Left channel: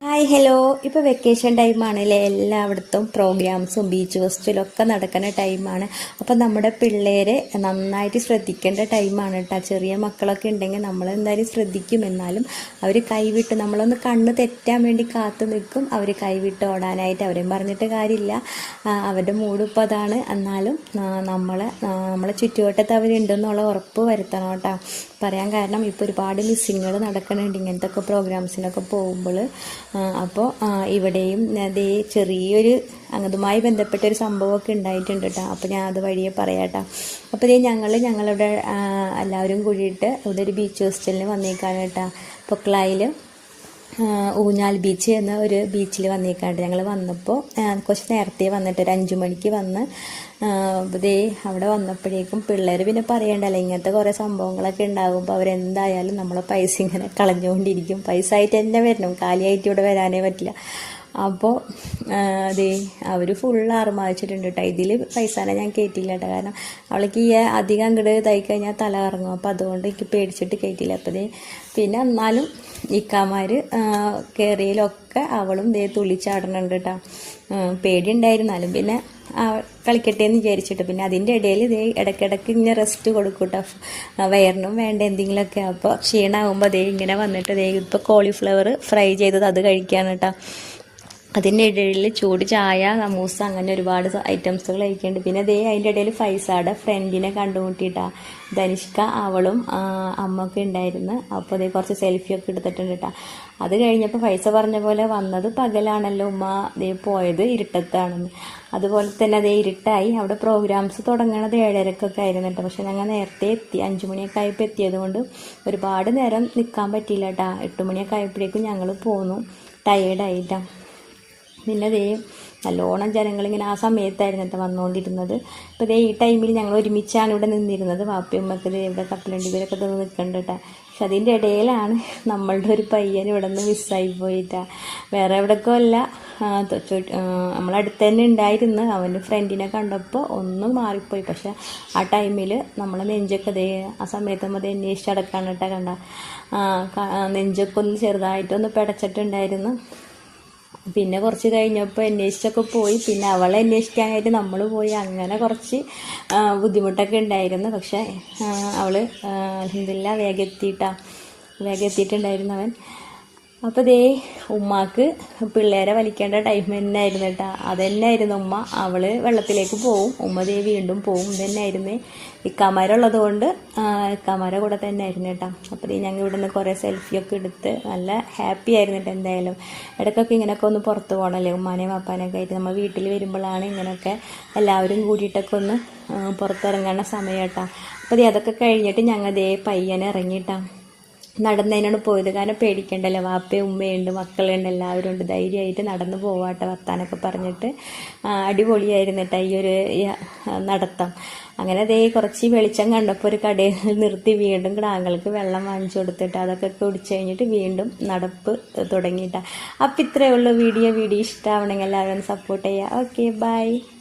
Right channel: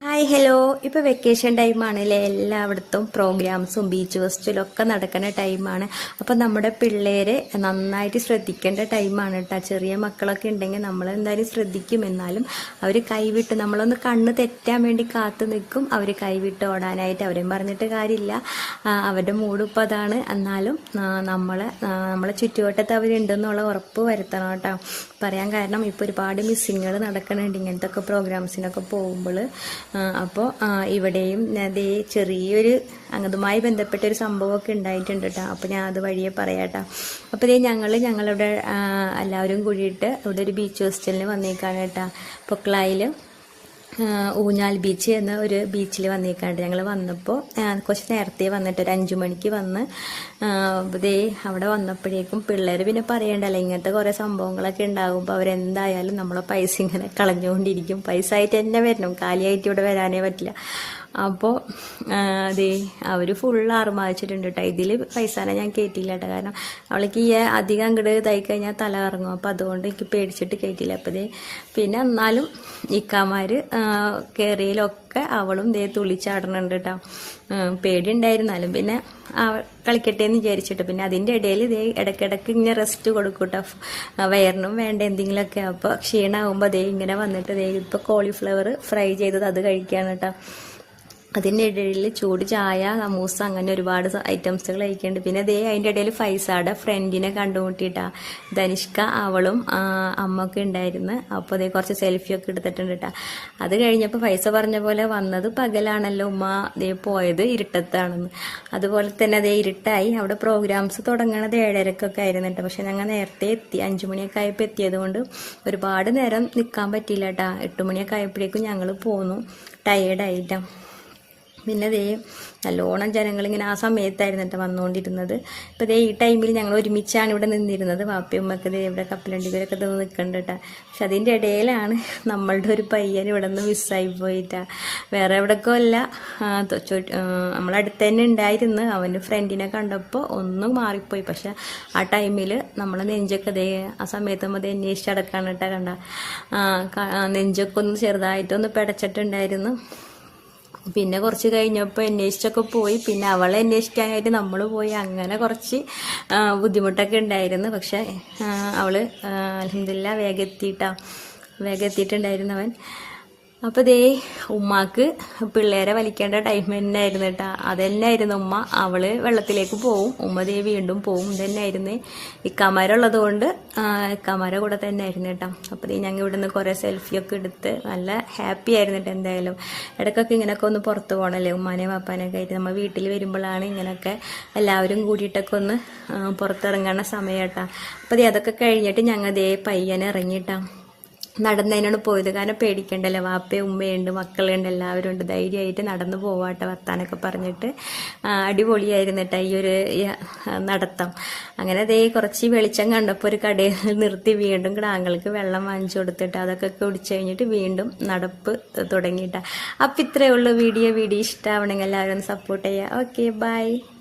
Bye. Hi hello ഇപ്പോൾ vacation ടൈമാണല്ലേ എല്ലായിടത്തും പ്രോഗ്രാംസും ബീച്ച് ഫെസ്റ്റിവലും ഒക്കെ നടക്കുന്ന ടൈമാണ് അപ്പോൾ നമ്മുടെ പിള്ളേരെ നന്നായിട്ട് ശ്രദ്ധിക്കേണ്ട ടൈമാണ് കേട്ടോ ചെറിയ മക്കളൊക്കെ ഉണ്ടെങ്കിൽ നമ്മൾ എന്തായാലും ശ്രദ്ധിക്കും. എന്നാലും അവർ കൈവിട്ട് നമ്മളൊന്ന് കണ്ണ് തെറ്റാൻ വേണ്ടി കാത്തു നിൽക്കും. അവർ കൈവിട്ട് ഓടാനായിട്ട് അവരെയും പറഞ്ഞിട്ട് കാര്യമില്ല. അവരുടെ മൂഡ് ഇപ്പോൾ അതാണ്. എന്നാലും നമ്മൾ നമ്മളെ ചുറ്റുവട്ടത്ത് അവരുണ്ടെന്നുള്ള ഉറപ്പ് വരുത്തണം കേട്ടോ പറയാൻ കാരണം ഇപ്പോൾ ഒരുപാട് മിസ്സിങ്ങുകൾ നടക്കുന്നുണ്ട് ഇങ്ങനത്തെ ഒക്കെ പ്രോഗ്രാംസിനൊക്കെ പോകുമ്പോൾ അപ്പോൾ ഇവിടെയും അതേ ചെറിയൊരു അതുമായി ബന്ധപ്പെട്ട ഒരു സംഭവമൊക്കെ ഉണ്ടായിട്ടുണ്ട് കേട്ടോ അപ്പോൾ ഞാൻ അത് വഴിയെ പറയാം കേട്ടോ അപ്പോൾ ഇതേ ഞങ്ങൾ ഞങ്ങളിവിടെ എല്ലാവരും കൂടിയിട്ട് ഇവിടെ ഒരു ബീച്ച് ഹോസ്റ്റലിന് വന്നേക്കാണ് കേട്ടോ പൊക്കളായിൽ ഊഞ്ഞാൽ ബീച്ച് എന്ന ഒരു ബീച്ചിൽ വന്നേക്കാണ്ട്. ഞങ്ങൾ വന്നപ്പോൾ കുറച്ച് നേരത്തെ വന്നിട്ട് ഒരു അഞ്ചു മണിക്ക് വന്ന് ഇതേ അവിടെ വന്നപ്പോഴേക്കും പിള്ളേർ പിന്നെ പറയണ്ടല്ലോ ഇങ്ങനത്തെ കുറേ സംഭവങ്ങളൊക്കെ ഉണ്ടാകുമ്പോൾ അവരെന്തായാലും നമ്മളെ പൈസ ഇങ്ങനെ കളഞ്ഞുകൊണ്ടിരിക്കും പൈസ ആയിട്ട് തന്നെ വരണം. കാലിയായിട്ട് ഇവിടെ വരാനേ പറ്റില്ല. അപ്പോൾ അതെ അവർ ഫുൾ ആർമാദിച്ചിട്ടുണ്ട് കേട്ടോ ഇതിൽ പൈസാനെ ഞാൻ കയറ്റില്ല കേട്ടോ കാരണം അവൾക്ക് ഈ അധികം അങ്ങോട്ട് തൈ കഴിഞ്ഞാൽ തല ഇറങ്ങും അപ്പോൾ അതുകൊണ്ട് എനിക്ക് പേടിച്ചിട്ട് കയറ്റില്ല അപ്പോൾ ഇതേ പിന്നെ എന്നാലും ഇക്കാമാർ കയറിയിലൊക്കെ അവളും ഇതേ തുളിച്ചാടുന്നുണ്ട് കേട്ടോ പേടി ഉണ്ടായിരുന്നാലും പിന്നെ കളിക്കട്ടെ എന്ന് വിചാരിച്ചിട്ട്. പിന്നെ അതിന്റെ ഇടയിൽ ഇതേ ഇടയ്ക്കിടയ്ക്ക് ഇങ്ങനെ റെസ്റ്റ് കൊടുക്കും കേട്ടോ വയറിനും വേണ്ട എന്തെങ്കിലുമൊക്കെ. അപ്പോൾ ക്ഷീണമാകുമ്പോൾ അതേ ഇങ്ങനെ വന്നിട്ട് ദേ ഇപ്പോൾ കോളിഫ്ലവർ ഫ്രൈ ചെയ്തത് അത് കഴിക്കുകയാണ് കേട്ടോ അതിന്റെ ഇടയിൽ ചൂട് ചായ സമൂസ അങ്ങനെ ഒരുപാട് ഐറ്റംസുകൾ കഴിക്കുന്നുണ്ട്. പിന്നെ ദേ അതിന്റെ ഇടയിൽ ഫൈസാടെ ഫ്രണ്ടിനെ കണ്ടുമുട്ടിയിട്ടാ ധനിഷ്ക അവളും അമ്മ അമ്മൊക്കെ ഉണ്ടായിരുന്നു. അപ്പോൾ അതേ കുറച്ച് സെൽഫിയൊക്കെ എടുത്തിട്ടുണ്ട് കേട്ടോ അത് കഴിഞ്ഞപ്പോൾ ഫൈസ പറഞ്ഞ പോലെ വന്നത് പകലാണല്ലോ ഉമ്മ ദേ പോയത് ഇരുട്ടത്താണെന്ന്. അതുപോലെ തന്നെ അതേ ഇരുട്ടായി. അവിടെ പ്രോഗ്രാംസ് തുടങ്ങണത് ഏഴരക്കൊക്കെ ആയിരുന്നു കേട്ടോ പക്ഷെ ഞങ്ങൾ നേരത്തെ എത്തി. അഞ്ചു മണിയൊക്കെ ആയപ്പോൾ എത്തിയത് കൊണ്ട് ഒരുപാട് നേരം നിൽക്കാൻ പറ്റിയില്ല കേട്ടോ എട്ട് മണിയൊക്കെ ആയപ്പോഴേക്കും ഞങ്ങൾ പോന്നു. ടയേർഡായിട്ടാണ് പിന്നെ ദേ നല്ലോണം ജനങ്ങളിങ്ങനെ ആ സമയത്തായിരുന്നു കേട്ടോ വന്നുകൊണ്ടിരുന്നത് ഇപ്പോൾ ദേ ഈ ടൈമിൽ ഞങ്ങൾ ഒരുമിച്ചാണ് ഇവിടെ നിന്നിരുന്നത്. വാപ്പിയമ്മക്ക് ദേ ഇവിടെ കപ്പലണ്ടിവരൊക്കെ തന്നെ നിൽക്കുന്നുണ്ട് കേട്ടോ പക്ഷെ അതിന്റെ ഇടയിലാണ് നമ്മളുടെ ഒരു പയ്യൻ ഇവിടെ നിന്ന് മിസ്സായി പോയിട്ടാ. വേറെ എവിടേക്കോ അല്ല. നമ്മളടുത്ത് തന്നെ ഉണ്ടായിരുന്നു. അവന്റെ ഫ്രണ്ടിനെ കണ്ടപ്പോൾ ഒന്നും മാറിപ്പോയി. പക്ഷെ ആ ടൈമിൽ നമ്മളെ നെഞ്ചൊക്കെ ദേ ആ സമയത്ത് നമ്മൾ അന്വേഷിച്ചടക്കാണ് കേട്ടോ കണ്ട. നെഞ്ചൊക്കെ ഒന്ന് ചെറുതായിട്ടൊന്ന് പിടച്ചിട്ടുണ്ടായിരുന്നു. പിന്നെ കുറച്ച് കഴിഞ്ഞപ്പോൾ അന്വേഷിച്ചൊക്കെ പോയി. പിന്നെ അവളെ അന്വേഷിക്കാനായിട്ട് നമ്മൾ പോയി. അങ്ങനെ കുറച്ച് ബുദ്ധിമുട്ടൊക്കെ ഉണ്ടായിരുന്നു. പക്ഷേ അവൾ അലഹമില്ല വേഗം എത്തിയിട്ടാണ് വേഗം അവൻ അപ്പോൾ ദേ ഉമ്മാക്ക് പിള്ളേരെ വലിക്കേണ്ട ടൈം തന്നെ ആയിരുന്നു കേട്ടോ. അതന്നെയായിരുന്നു ഉമ്മ. അവൾ വെള്ളത്തിലേക്ക് പോവും. ഉമ്മ ദേ വീണ്ടും പോവും. ഇതന്നെ ആയിരുന്നു ഇക്കാമാരുള്ളത് കൊണ്ട് ഇക്കാമാരെ കൂടെ തന്നെ ആയിരുന്നു കേട്ടോ. അപ്പോൾ ദേ ഞങ്ങൾ ഇവിടുന്ന് കുറേ സെൽഫിയൊക്കെ എടുത്ത് നല്ല ഹാപ്പി ആയിരുന്നു കേട്ടോ എന്തായാലും. ഇടയ്ക്കൊക്കെ ഇങ്ങനെയൊക്കെ ഒന്ന് പുറത്ത് പോകണമല്ലേ ഉമ്മാനെയും പാപ്പാനൊക്കെ ആയിട്ട് നമ്മൾ വീട്ടിൽ വരുമ്പോഴാണ് ഇങ്ങനെയൊക്കെ എല്ലാവരും കൂടിയിട്ടൊക്കെ ഒന്ന് പുറത്തിറങ്ങേണ്ട സമയം കേട്ടോ. അപ്പോൾ ദേ അതൊക്കെ കഴിഞ്ഞിട്ട് ഞങ്ങൾ ദേ പയ്യനെ ഇറങ്ങിയിട്ടാ നടന്നതിനാണ് പോയത്. കാരണം പേടിക്കണ്ടല്ലോ. വാപ്പയും ഉമ്മയുണ്ട് മക്കളുണ്ട് എല്ലാവരും ഉണ്ട്. ധൈര്യമായിട്ട് നടന്നു പോവാട്ട വർത്താനൊക്കെ പറഞ്ഞിട്ട്. അടിപൊളിയായിരുന്നു കേട്ടോ ഈ ഒരു നടത്തം. അങ്ങനെ അതേ കുറച്ച് വെളിച്ചം കണ്ടപ്പോൾ ഒരു കടയിൽ നിർത്തി വീണ്ടും കിടാങ്ങൾക്ക് വെള്ളം വാങ്ങിച്ചു കൊടുത്തിട്ട് അതൊക്കെ കുടിച്ചു കഴിഞ്ഞിട്ട് വീണ്ടും നടപ്പ് തുടങ്ങിയിട്ടാണ് അപ്പം ഇത്രയേ ഉള്ളൂ. വീഡിയോ വീഡിയോ ഇഷ്ടമാവണമെങ്കിൽ എല്ലാവരും സപ്പോർട്ട് ചെയ്യുക. Okay bye